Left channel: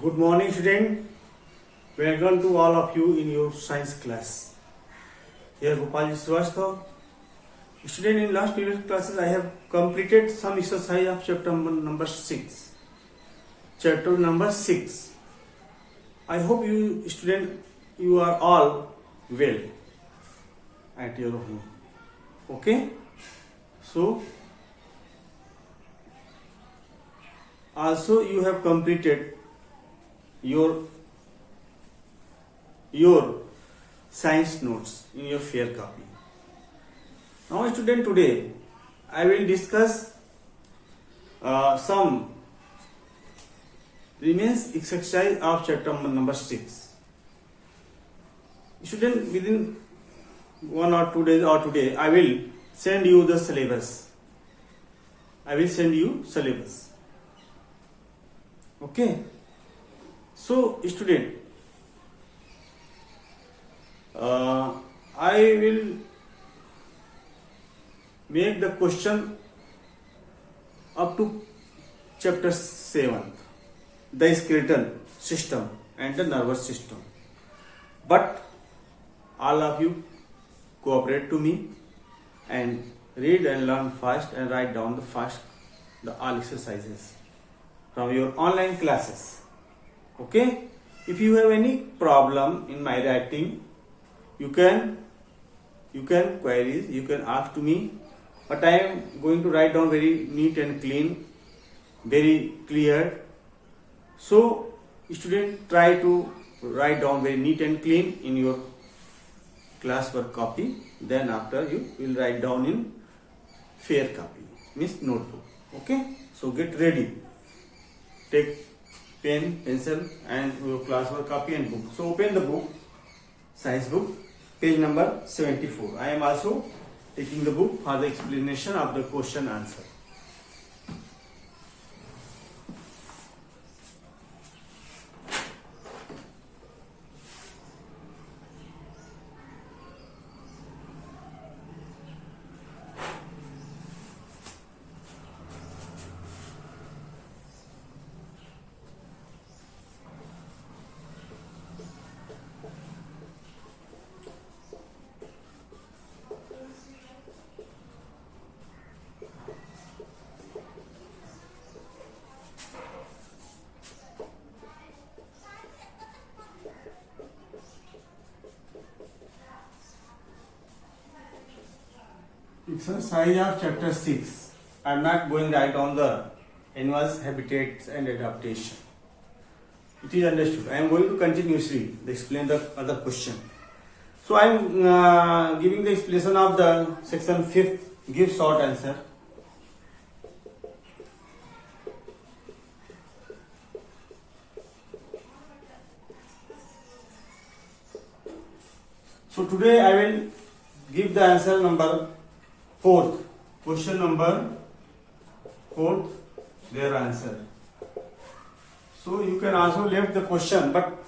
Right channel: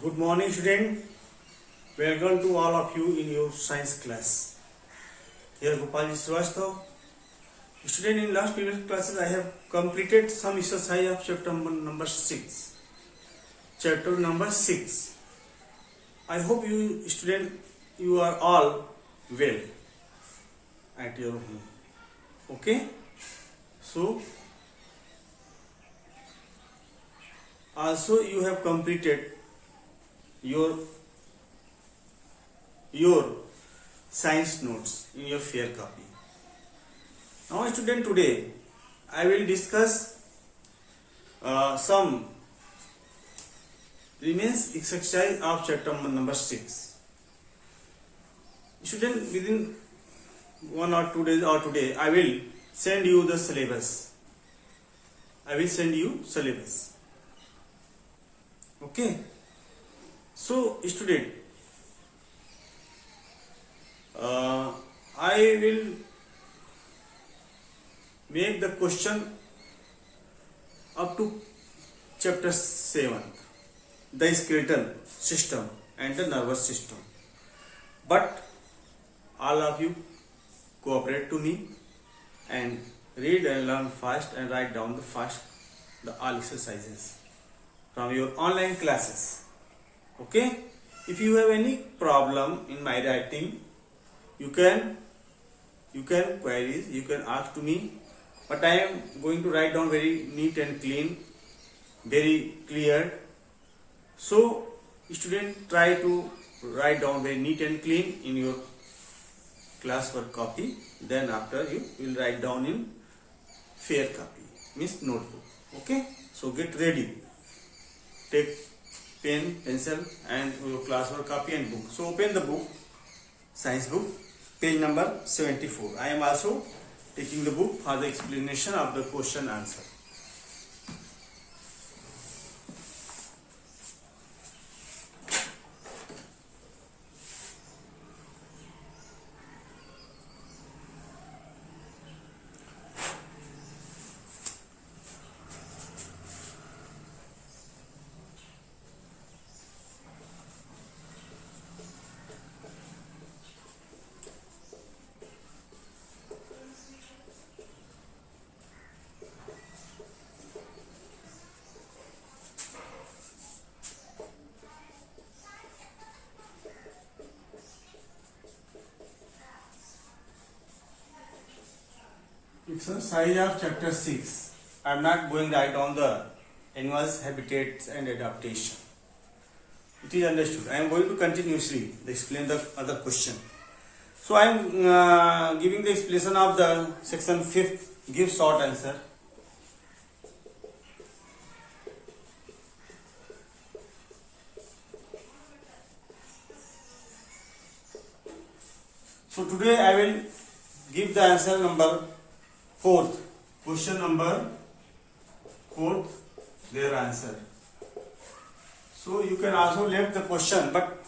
Good morning, student. Welcome to all of you in your science class. Here Gopalji Srivastava. Student, in last previous classes I have completed some exercise of chapter number 6. Chapter number 6. I hope you student you are all well at your home. Okay? So also you have completed your science notes in your fair copy. Now student, today I will discuss some remains exercise of chapter number 6. Student, within 1 or 2 days or today I will send you the syllabus. Okay. So student, I will make the question up to chapter 7, the skeletal system and the nervous system. But all of you cooperate to me and read and learn fast and write down the all exercises from your online classes. Okay? If you have any problem in my writing, you can queries, you can ask to me, but I am going to write down very neat and clean, very clear. So student, try to write down very neat and clean in your classwork copy. Then after you will write down in fair copy, means notebook. Okay? So get ready. Take pen, pencil and your classwork copy and book. So open the book, science book, page number 74. I am also taking the book for the explanation of the question answer. Exercise of chapter 6. I am not going right on the animals, habitats and adaptation. It is understood. I am going to continuously explain the other question. So I am giving the explanation of the section 5th. Give short answer. So today I will give the answer number 4th. Question number 4th, their answer. So you can also left the question, but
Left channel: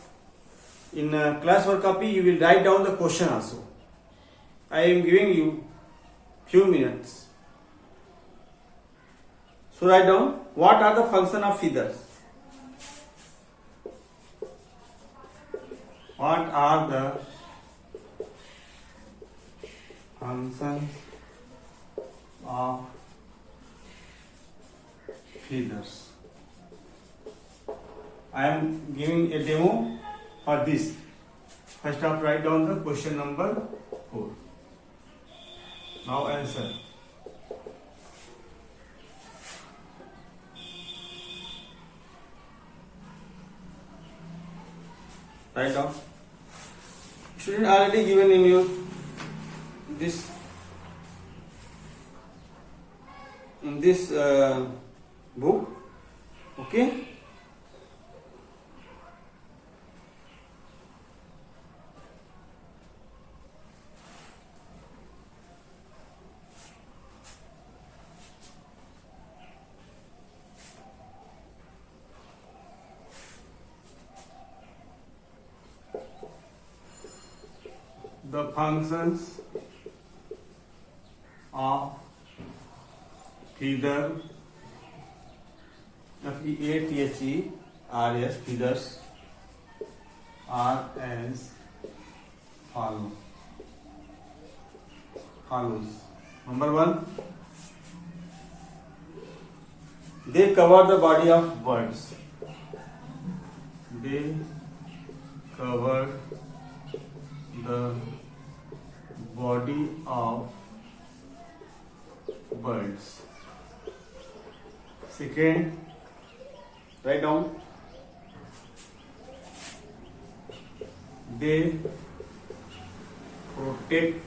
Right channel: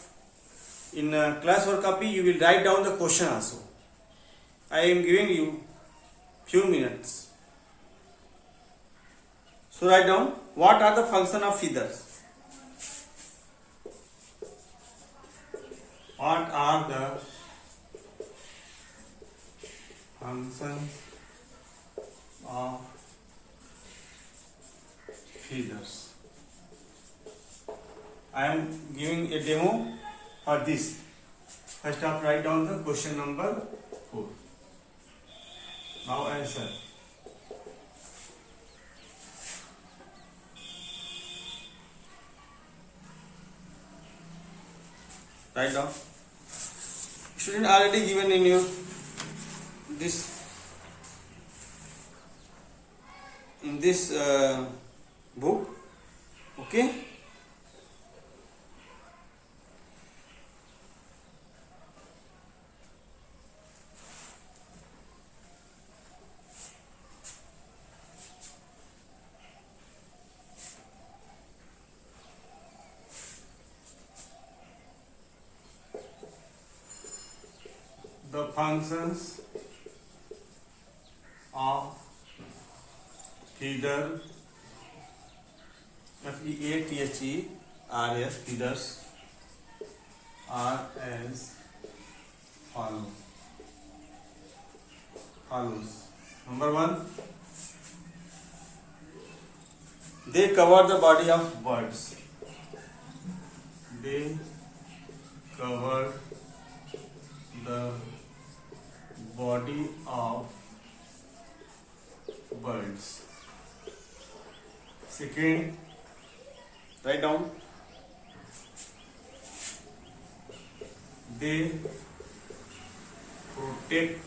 in classwork copy you will write down the question also. I am giving you few minutes. So write down, what are the function of feathers? What are the functions of feathers? I am giving a demo for this. First up, write down the question number 4. Now answer. Write down. Student, already given in your this book. Okay? The functions of feather, FEATHE RS feeders are as follows. Number 1, they cover the body of birds. They cover the body of birds. Second, write down. They protect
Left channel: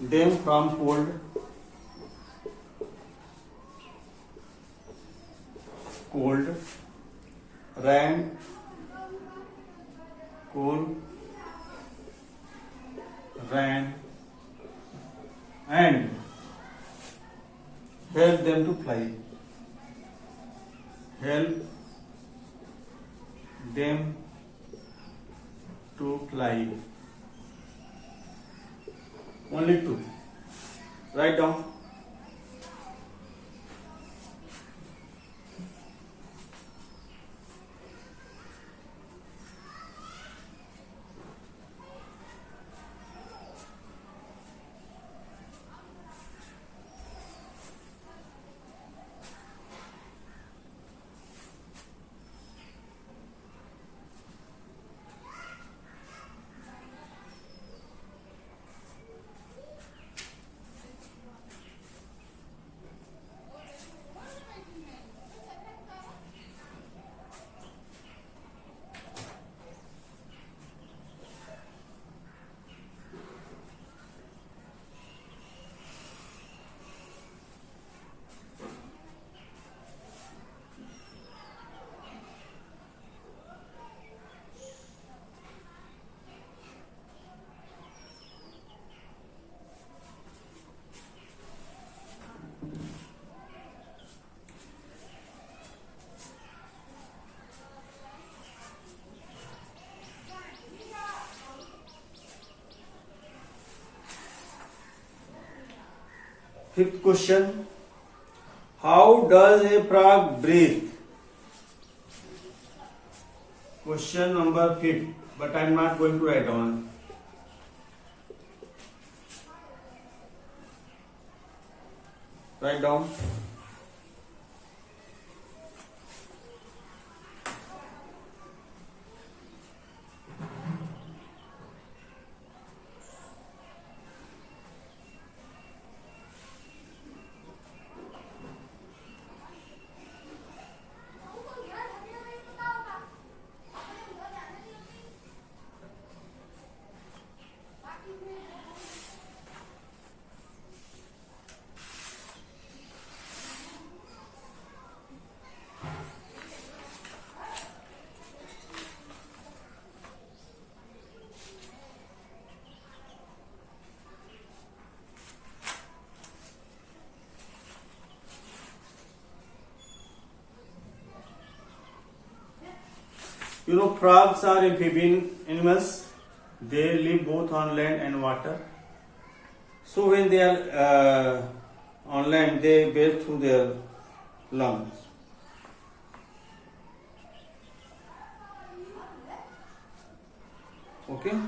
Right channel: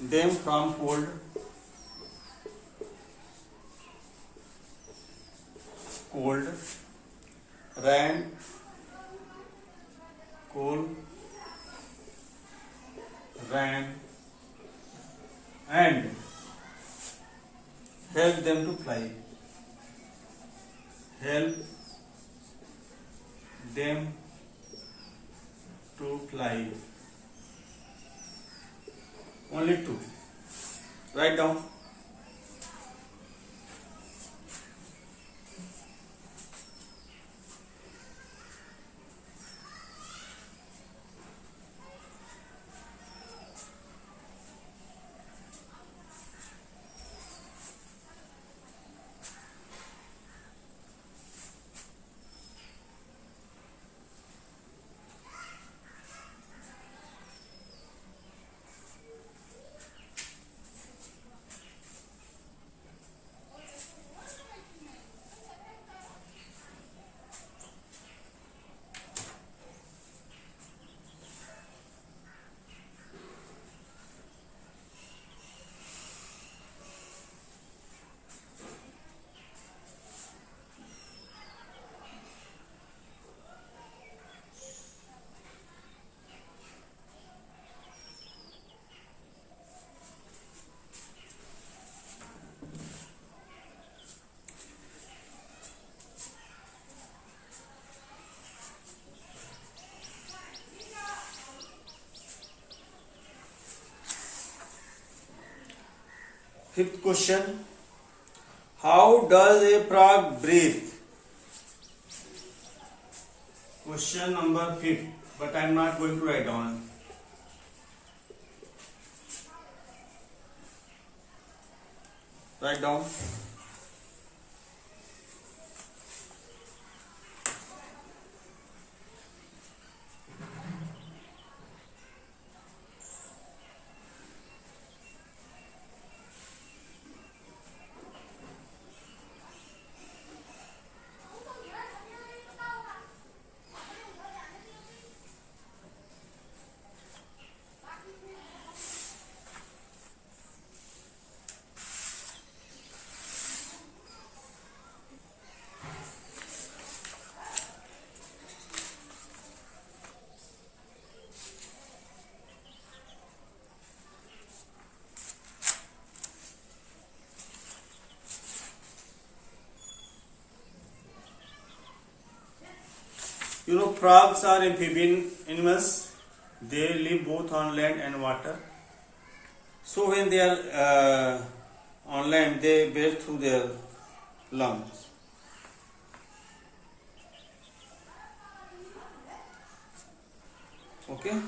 them from cold, rain, and help them to fly. Only 2. Write down. Fifth question. How does a frog breathe? Question number 5, but I am not going to write down. Write down. You know, frogs are amphibian animals. They live both on land and water. So when they are on land, they breathe through their lungs. Okay.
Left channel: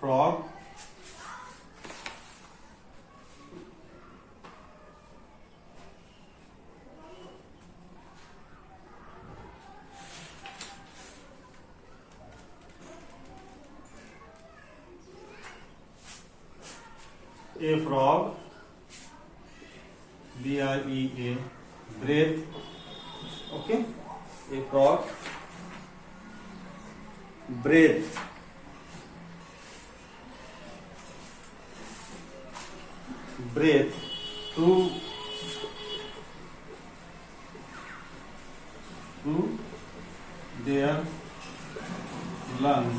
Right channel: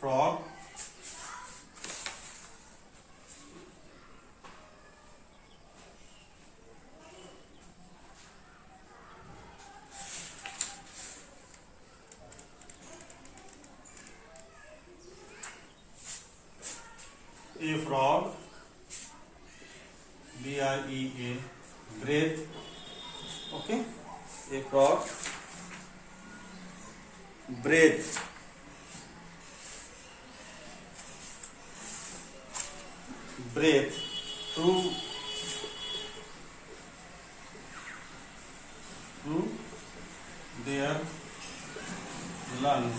Frog a frog, B-R-E-A, breathe. Okay, a frog breathe through their lungs.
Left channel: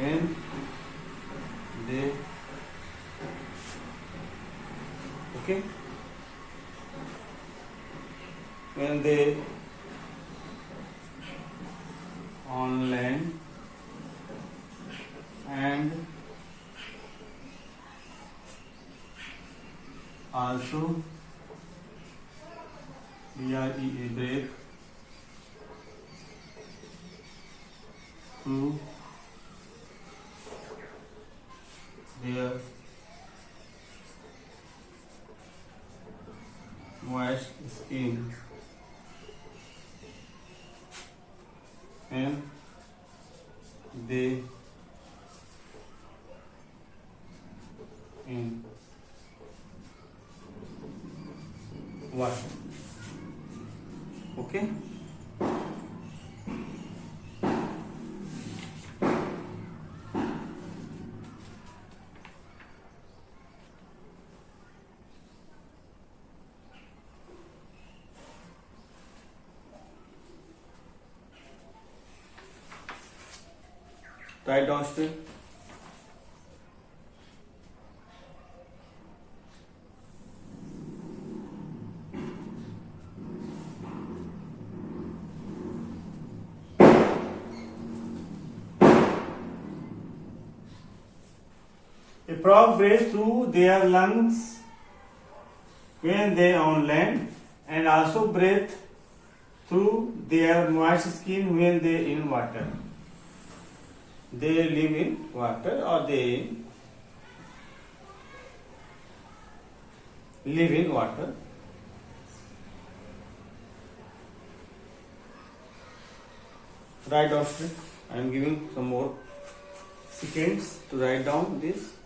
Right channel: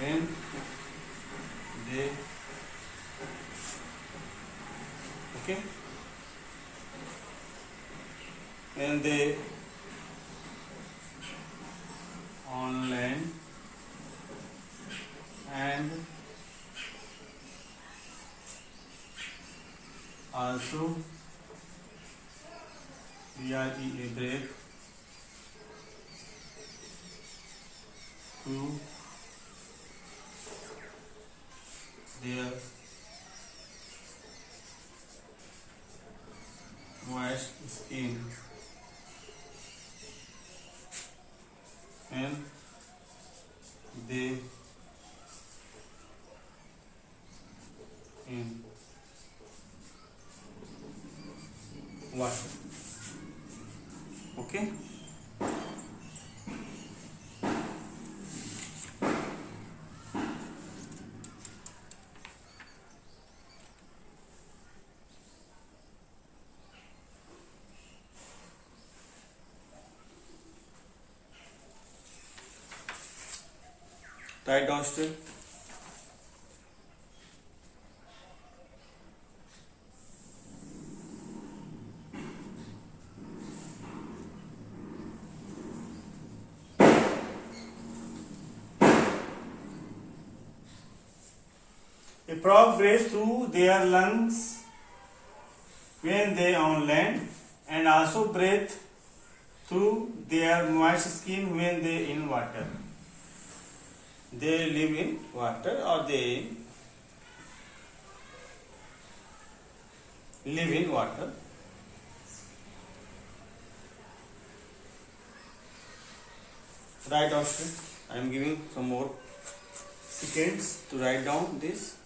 when they okay when they online and also BREA break through their moist skin and they in water. Okay. Write down still. A frog breathes through their lungs when they on land and also breathe through their moist skin when they in water. They live in water or they live in water. Write down. I am giving some more seconds to write down this.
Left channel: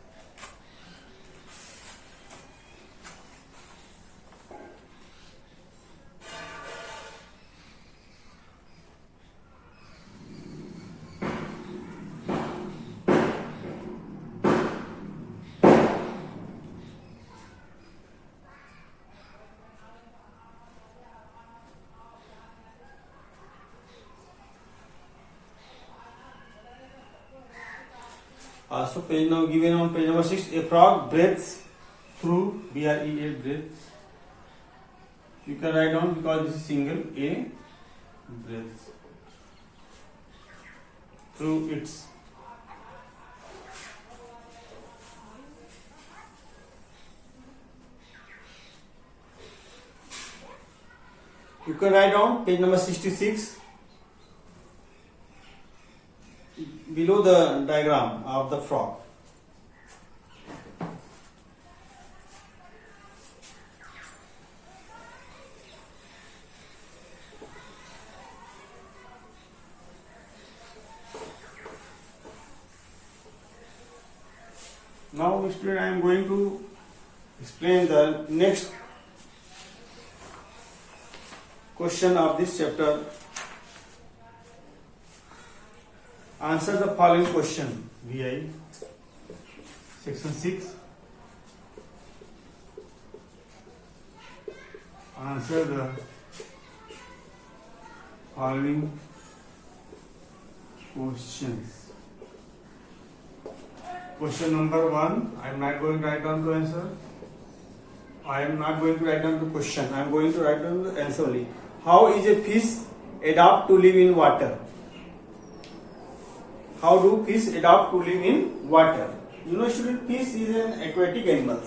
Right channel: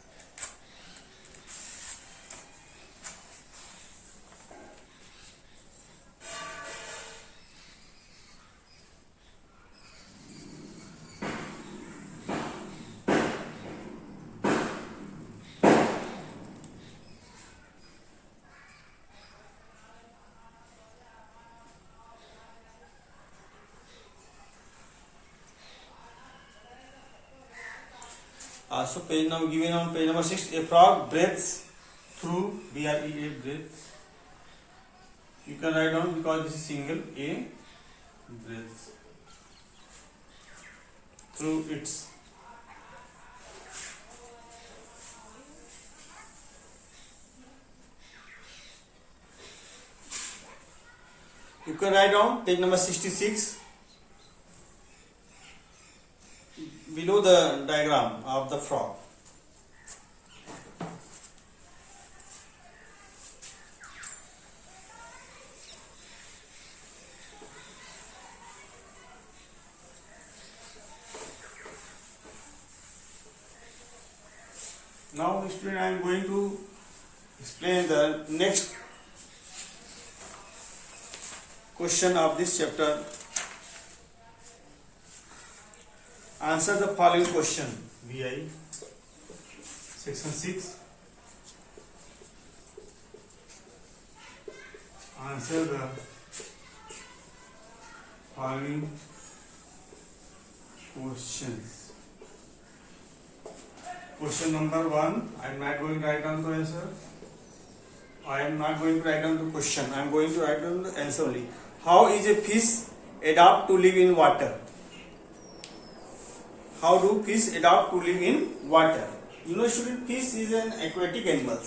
So page number given on page number 6, a frog breathes through BREA breathes. You can write down because this is single A breathes through its you can write down page number 66 below the diagram of the frog. Now, student, I am going to explain the next question of this chapter. Answer the following question. VI section 6. Answer the following questions. Question number 1. I am not going to write down the answer. I am not going to write down the question. I am going to write down the answer only. How is a fish adapt to live in water? How do fish adapt to live in water? You know, student, fish is an aquatic animal.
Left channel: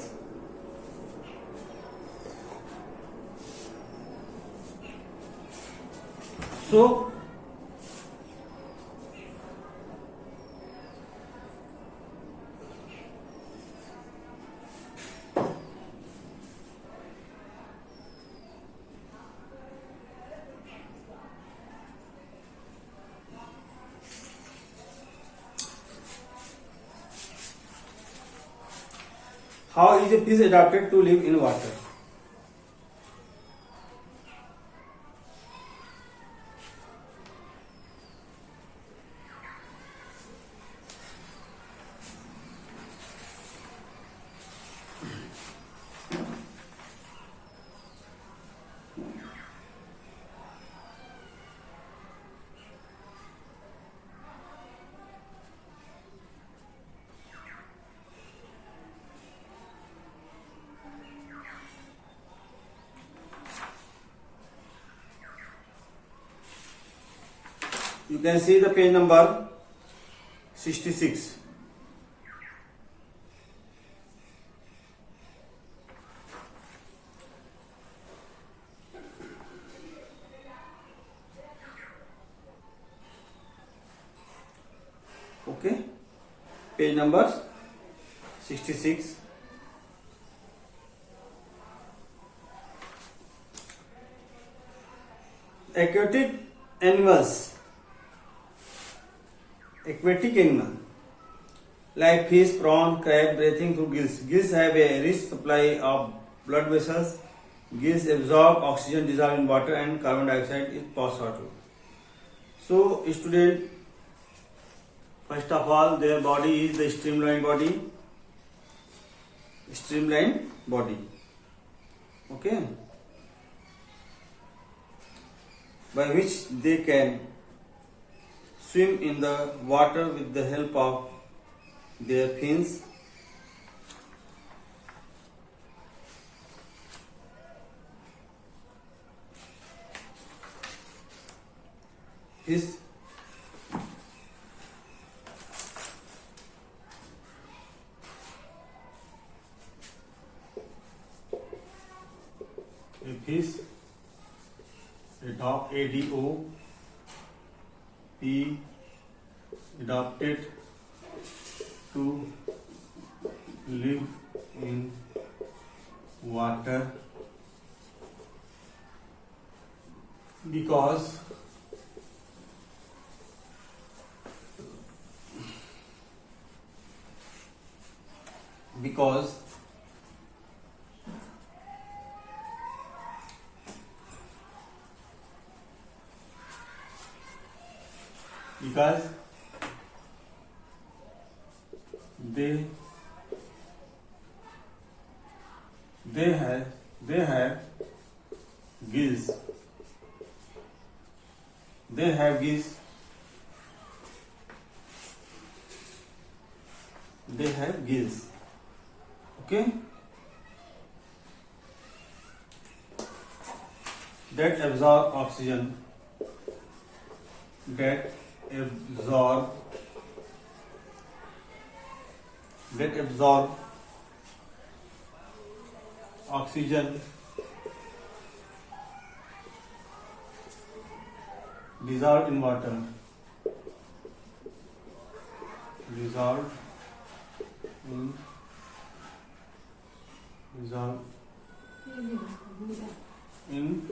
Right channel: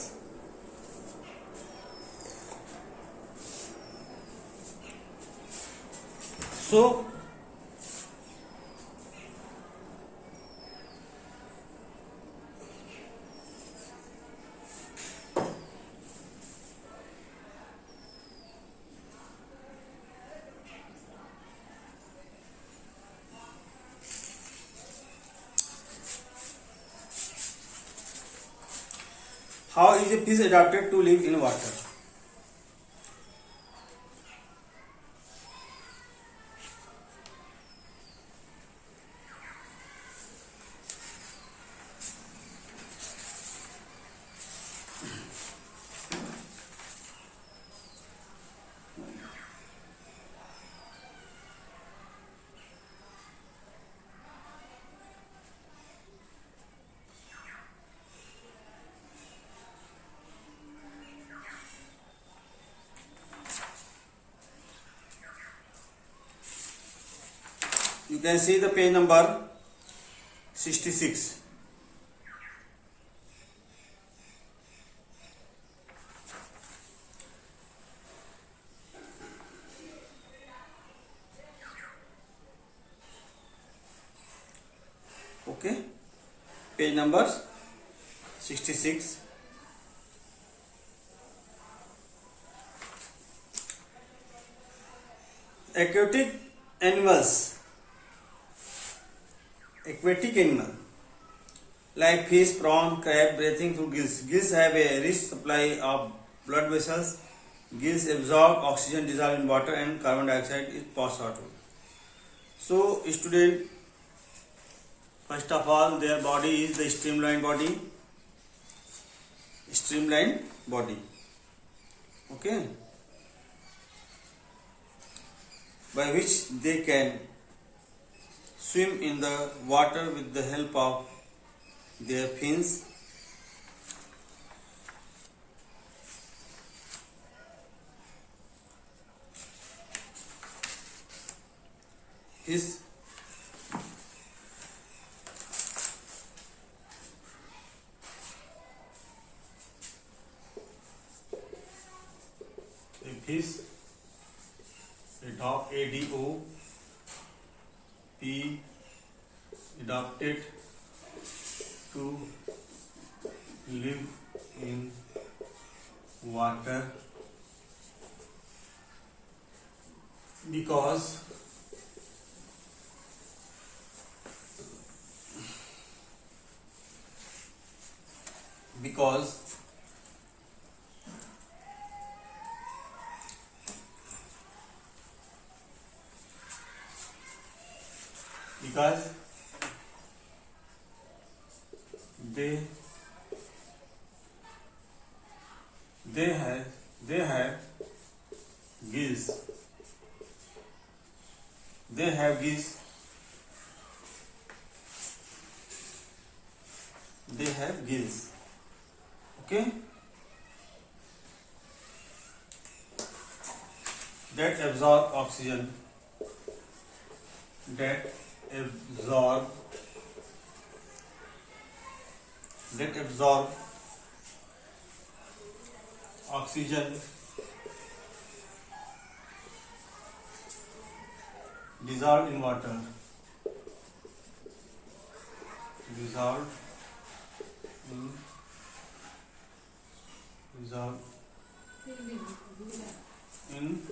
So, how is a fish adapted to live in water? You can see the page number 66. Okay, page number 66. Aquatic animal like fish, prawn, crab breathing through gills. Gills have a rich supply of blood vessels. Gills absorb oxygen dissolved in water and carbon dioxide is passed out. So, student, first of all, their body is the streamlined body. Okay, by which they can swim in the water with the help of their fins. His adopted to live in water because they have gills. They have gills. They have gills. Okay, that absorb oxygen. That absorb oxygen dissolved in water. Dissolved in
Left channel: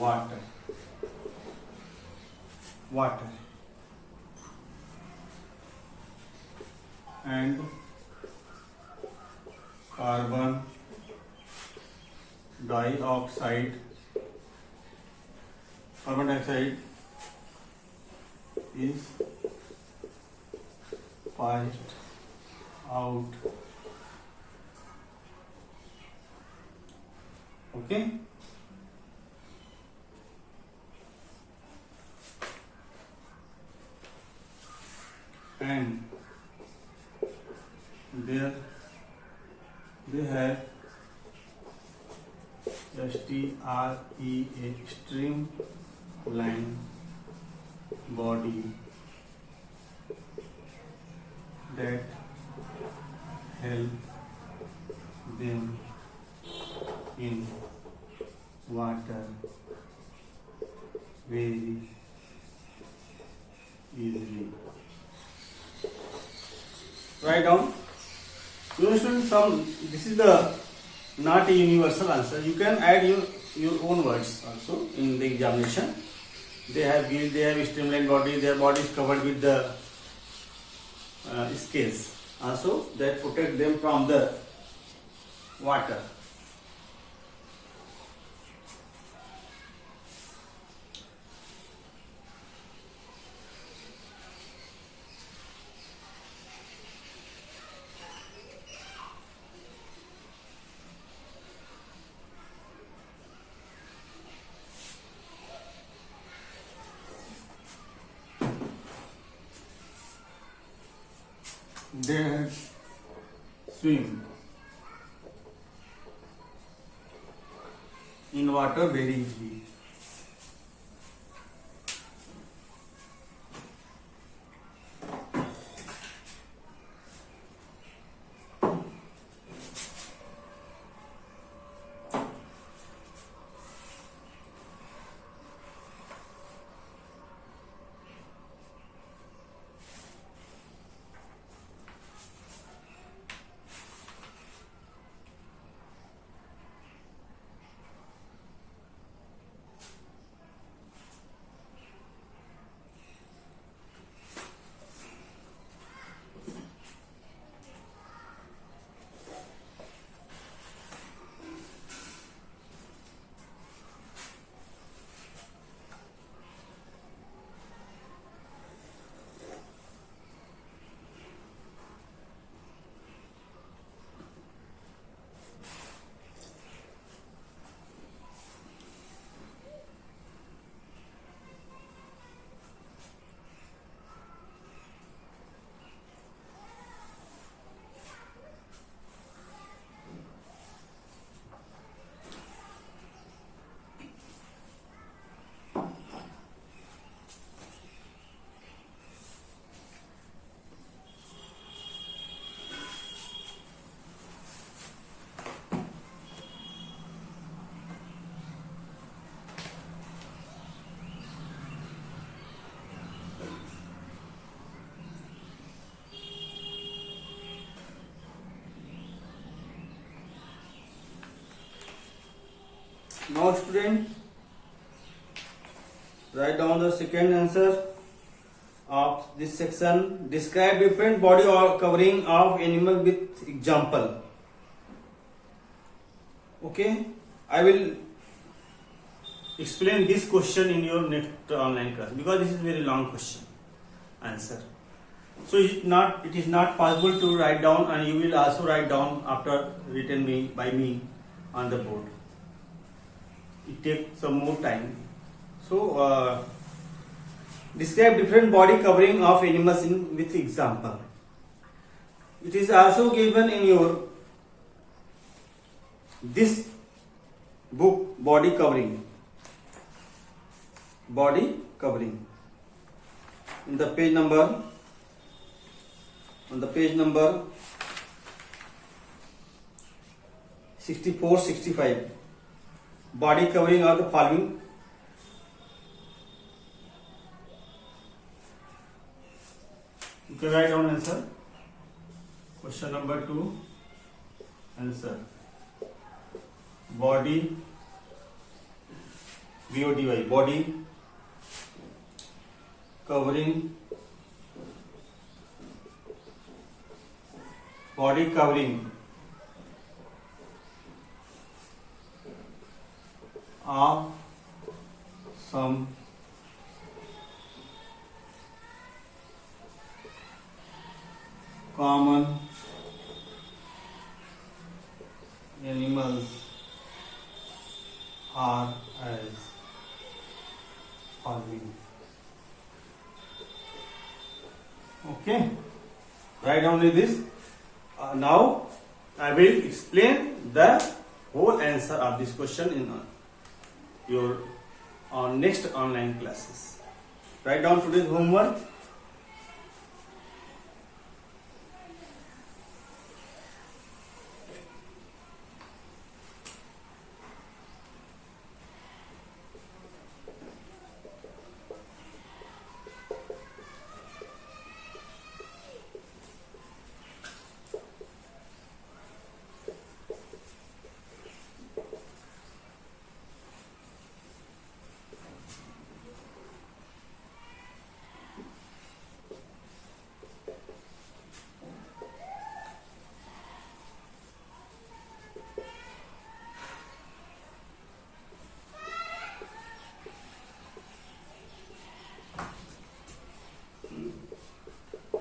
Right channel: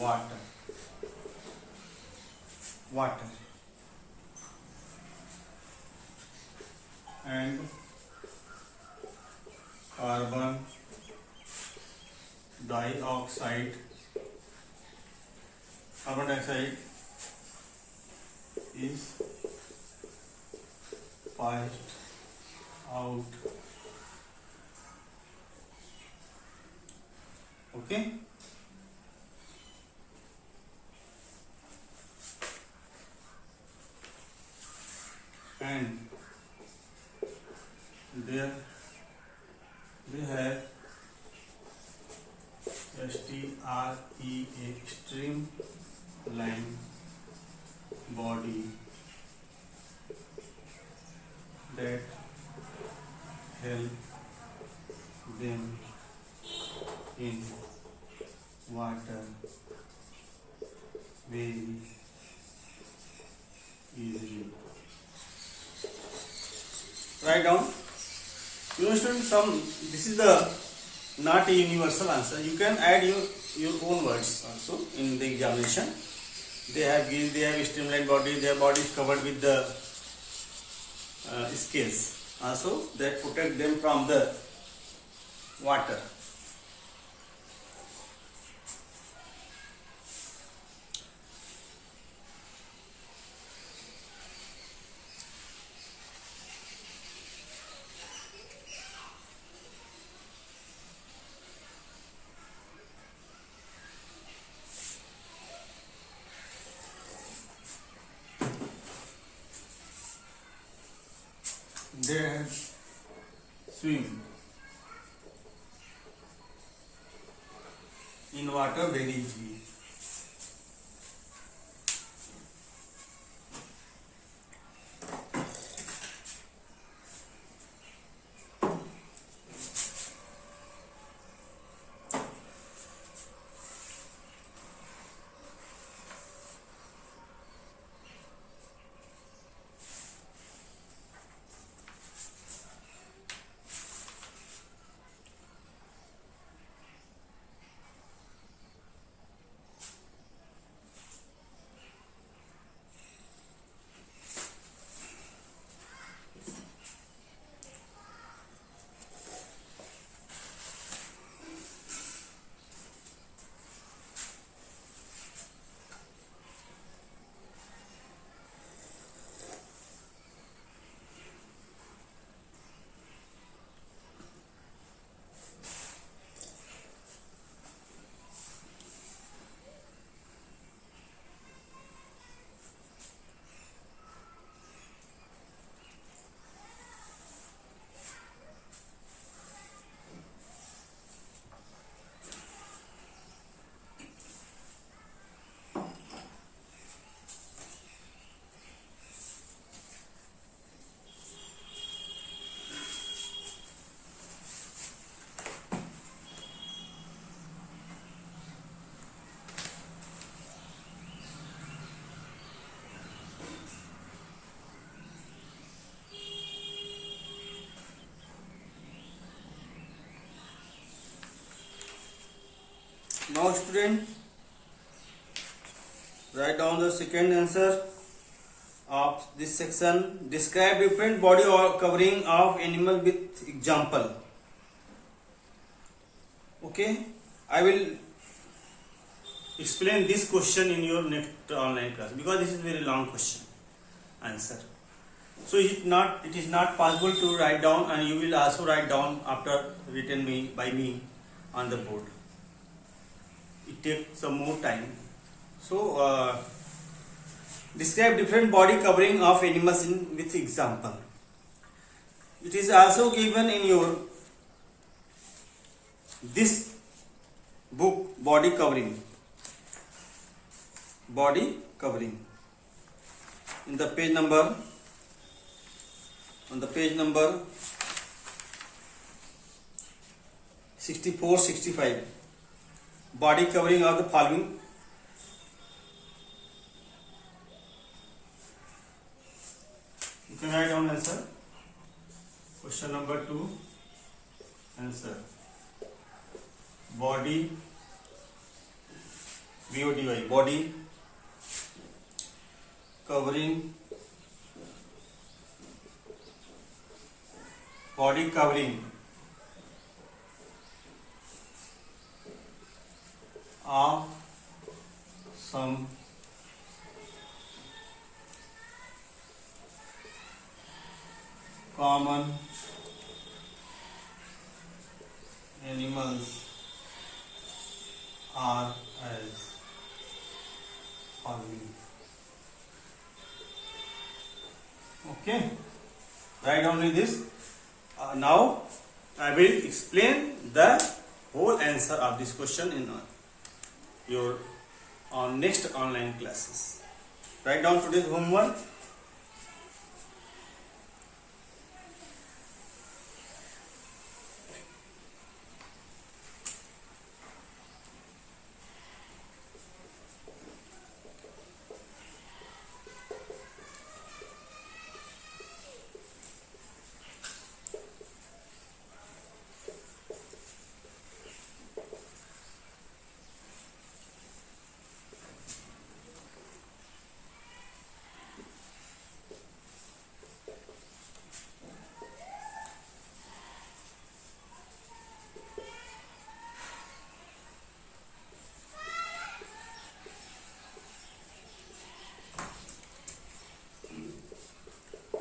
water. And carbon dioxide is passed out. Okay, and there they have STREA, streamlined body, that help them in water very easily. Write down. You understand some. This is the not a universal answer. You can add your own words also in the examination. They have gills, they have streamlined body, their body is covered with the scales also that protect them from the water. They have swim in water very easily. Now student, write down the second answer of this section. Describe different body or covering of animal with example. Okay, I will explain this question in your next online class because this is very long question answer. So it is not possible to write down, and you will also write down after written by me on the board. It takes some more time. So describe different body covering of animals with example. It is also given in your this book, body covering. In the page number, on the page number 64-65, body covering of the following. You can write down answer. Question number 2, answer. Body, BODY, body covering of some common animals are as following. Okay, write down this. Now I will explain the whole answer of this question in your next online classes. Write down today's homework.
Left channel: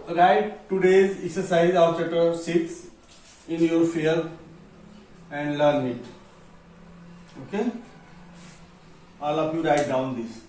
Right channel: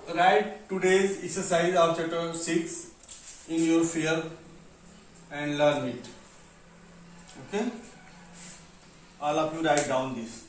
Write today's exercise of chapter 6 in your fear and learn it. Okay, all of you write down this.